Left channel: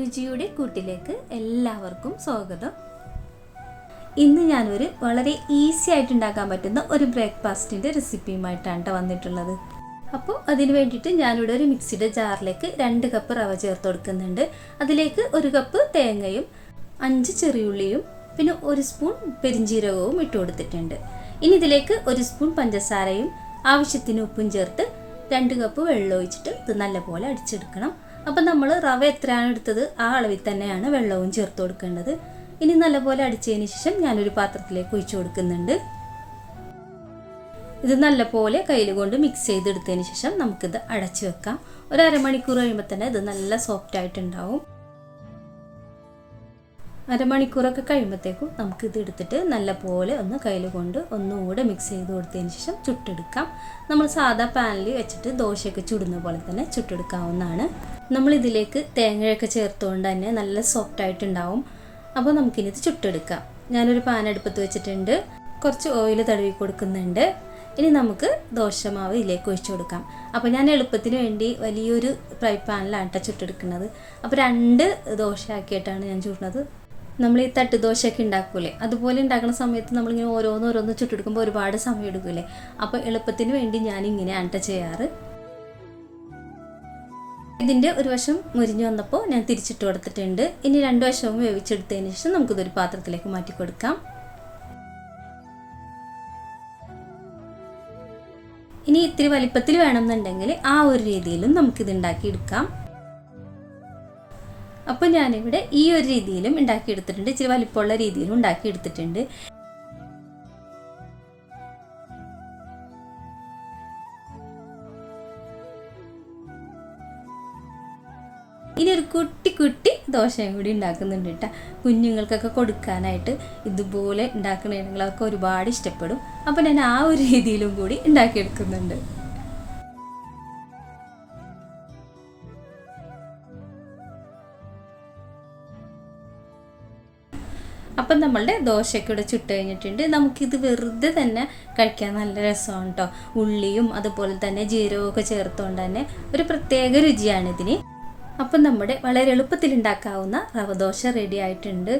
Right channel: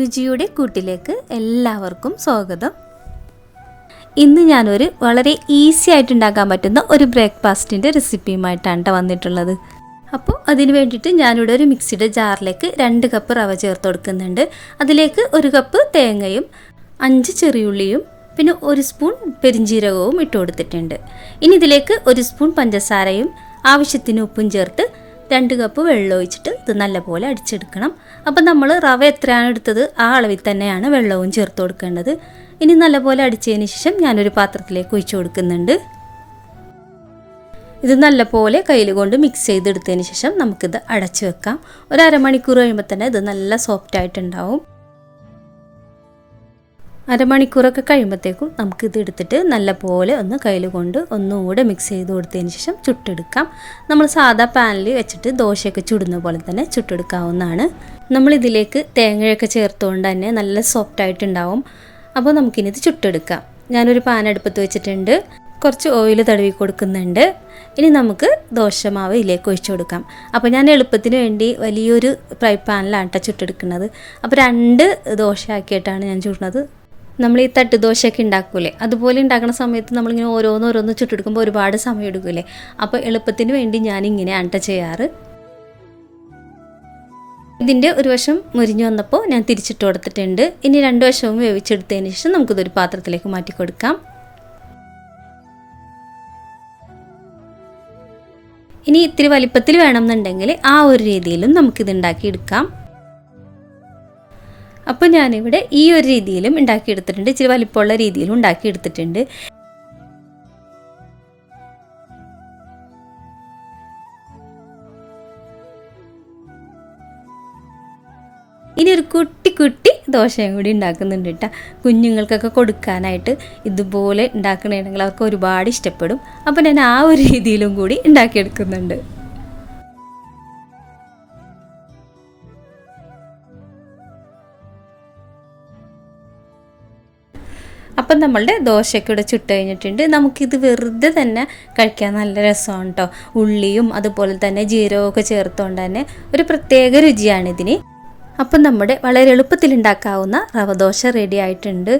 രുചിയുടെ കൂട്ടിലേക്ക് എല്ലാവർക്കും സ്വാഗതം. ഇന്ന് ഞാനൊരു വളരെ ഈസി ആയിട്ട് ഉണ്ടാക്കാൻ പറ്റുന്ന ഒരു ബ്രേക്ക്ഫാസ്റ്റിന്റെ റെസിപ്പിയുമായിട്ടാണ് കേട്ടോ വന്നിട്ടുള്ളത്. അപ്പോൾ അതിന് വേണ്ടിയിട്ട് ഞാനിവിടെ ഒരു മിക്സിയുടെ ജാറിലേക്ക് രണ്ട് കപ്പ് റവ ചേർത്ത് കൊടുക്കുന്നുണ്ട്. അതിലേക്ക് ഒരു കപ്പ് തേങ്ങയും അഞ്ച് ചെറിയുള്ളിയും പിന്നെ ഒരു സ്പൂൺ പെരിഞ്ജീരകവും ഇട്ട് കൊടുത്തിട്ടുണ്ട്. ഇനി ഇതിലേക്ക് ഒരു സ്പൂൺ പഞ്ചസാരയും ആവശ്യത്തിന് ഉപ്പും ചേർത്ത് രണ്ട് കപ്പ് വെള്ളം ഒഴിച്ചിട്ട് ഇത് നല്ലപോലെ അടിച്ചെടുക്കണം. അപ്പം നമ്മൾ റവ എത്രയാണ് എടുത്തത്? ആ അളവിൽ തന്നെയാണ് വെള്ളവും ചേർത്ത് കൊടുക്കേണ്ടത്. ഇനി നല്ലപോലെ അടിച്ചതിന് ശേഷം ഞാനൊരു പാത്രത്തിലേക്ക് ഒഴിച്ചു കൊടുക്കുന്നുണ്ട്. ഇത് നല്ലപോലെ കയ്യിൽ കൊണ്ട് മിക്സ് ചെയ്തെടുത്തതിന് ശേഷം നമുക്കിത് അടച്ചു വെക്കാം. ഒരു അരമണിക്കൂർ കഴിയുമ്പോൾ തന്നെ ഇത് നല്ല സോഫ്റ്റ് ആയിട്ടുണ്ടാവും. അരമണിക്കൂറൊക്കെ കഴിയുമ്പോഴത്തേക്കും നമുക്കിത് എടുത്തിട്ട് നല്ല പോലെ ഒന്ന് കയ്യിൽ കൊണ്ട് ഒന്നുകൂടെ മിക്സ് ചെയ്ത് കൊടുത്തതിന് ശേഷം ചുട്ടെടുക്കാം. നമ്മൾ സാധാ പാനിൽ വെച്ചിട്ട് ദോശയൊക്കെ ചുടുന്ന പോലെ തന്നെ ചുട്ടെടുക്കാവുന്നതാണ്. നമ്മൾ ഇതിലേക്ക് തേങ്ങയൊക്കെ ചേർത്തുകൊണ്ട് തന്നെ നല്ല സോഫ്റ്റ് ആയിട്ടുണ്ടാവും. അപ്പോൾ നമുക്കിനിത് ചുട്ടെടുക്കാം. ഞാനൊരു പാൻ അടുപ്പത്ത് വെച്ചിട്ടുണ്ട്. കുറച്ച് ഓയിൽ തടവി കൊടുക്കുന്നുണ്ട്. ഇനി നമുക്ക് ദോശമാവ് ഇതിലേക്ക് ഒഴിച്ചു കൊടുക്കാം. അപ്പോൾ ഞാൻ എളുപ്പത്തിന് വേണ്ടി വലിയൊരു ഫ്രൈ പാനിലാണ് ചുട്ടെടുക്കുന്നത്. അപ്പോൾ രണ്ട് ദോശ ആക്കിയിട്ടാണ് ഞാൻ ചുടുന്നത്. നമ്മൾ ഈ തട്ട് ഉണ്ടാക്കൂലേ? അതുപോലെ ഉണ്ടാക്കുന്ന സമയത്ത് നമ്മളിങ്ങനെ ഓരോന്നോരോന്ന് ഓരോന്ന് ചുട്ടെടുക്കുമ്പോൾ ഒരുപാട് സമയം എടുക്കൂലേ? അപ്പോൾ എളുപ്പത്തിന് വേണ്ടി ഞാൻ ഇങ്ങനെയാണ് കേട്ടോ ചെയ്യാറ്. ഇതിന്റെ ഒരു വശം മുരിഞ്ഞു വന്നപ്പോൾ ഞാൻ തിരിച്ചിട്ട് കൊടുത്തിട്ടുണ്ട്. ഇനി രണ്ട് വശവും വേവിച്ചെടുത്തതിന് ശേഷം നമുക്കിതൊരു പാത്രത്തിലേക്ക് മാറ്റി കൊടുക്കാം. ഇനി ഇത്തിരി വലിപ്പത്തിൽ വേണമെന്നുണ്ടെങ്കിൽ ആ ഒരു രീതിയിലും നമുക്കിത് ഉണ്ടാക്കിയെടുക്കാം. അപ്പോൾ ഞാനിവിടെ ഈ ഒരു രീതിയിലും ഉണ്ടാക്കിയെടുത്തിട്ടുണ്ട്. ഇച്ചിരി വലിപ്പമുള്ള രീതിയിലും ഉണ്ടാക്കിയെടുത്തിട്ടുണ്ട്. ഇനി ഒരു കുട്ടി കുട്ടി ദോശയും കൂടി ഉണ്ടാക്കുന്നുണ്ട് കേട്ടോ. കുഞ്ഞുങ്ങൾക്കൊക്കെ കൊടുക്കാനായിട്ട് ഇതുപോലെ ഉണ്ടാക്കണമെങ്കിൽ അവർക്ക് ഒരുപാട് ഇഷ്ടപ്പെടും. അപ്പോൾ ഞാൻ ആ ഒരു രീതിയിലും കൂടി ഉണ്ടാക്കിയെടുക്കുന്നുണ്ട്. അപ്പം നമ്മളുടെ ദോശയൊക്കെ ഇവിടെ ചുട്ട് കഴിഞ്ഞിട്ടുണ്ട്. നമുക്കിത് വെറുതെ തന്നെ കഴിക്കാൻ നല്ല രസമാണ് കേട്ടോ ഉള്ളിയും അതുപോലെ തന്നെ ജീരകമൊക്കെ ചേർത്തുകൊണ്ട് തന്നെ ഒരു പ്രത്യേക രുചിയാണ് ഇതിന് അപ്പം നമ്മുടെ വളരെ എളുപ്പത്തിൽ ഉണ്ടാക്കാവുന്ന റവ ദോശ റെഡി ആയിട്ടുണ്ട്.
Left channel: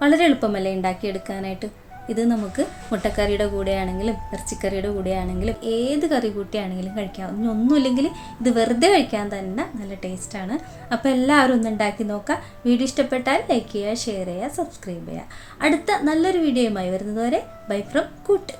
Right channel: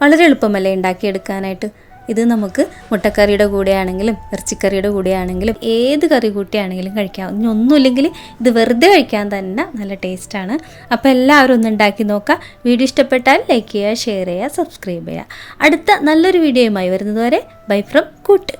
വളരെ എളുപ്പമല്ലേ ഉണ്ടാക്കിയെടുക്കാനായിട്ട്? ഇത് നമുക്ക് മുട്ടക്കറിയുടെ കൂടെയാണെങ്കിലും ഇറച്ചിക്കറിയുടെ കൂടെയാണെങ്കിലും ഏത് കറി കൂട്ടിയാണെങ്കിലും കഴിക്കാം. ഇനി ഒന്നുമില്ലെങ്കിൽ ഇത് വെറുതെ കഴിക്കാൻ തന്നെ നല്ല ടേസ്റ്റാണ് അപ്പോൾ എല്ലാവരും ഒന്ന് ഉണ്ടാക്കി നോക്കുക. വീഡിയോ ഇഷ്ടപ്പെട്ടാൽ ലൈക്ക് ചെയ്യുക ഷെയർ ചെയ്യുക സബ്സ്ക്രൈബ് ചെയ്യുക. അടുത്ത നല്ലൊരു വീഡിയോയുമായി വരുന്നതുവരെ ബൈ ഫ്രം കൂട്ട്.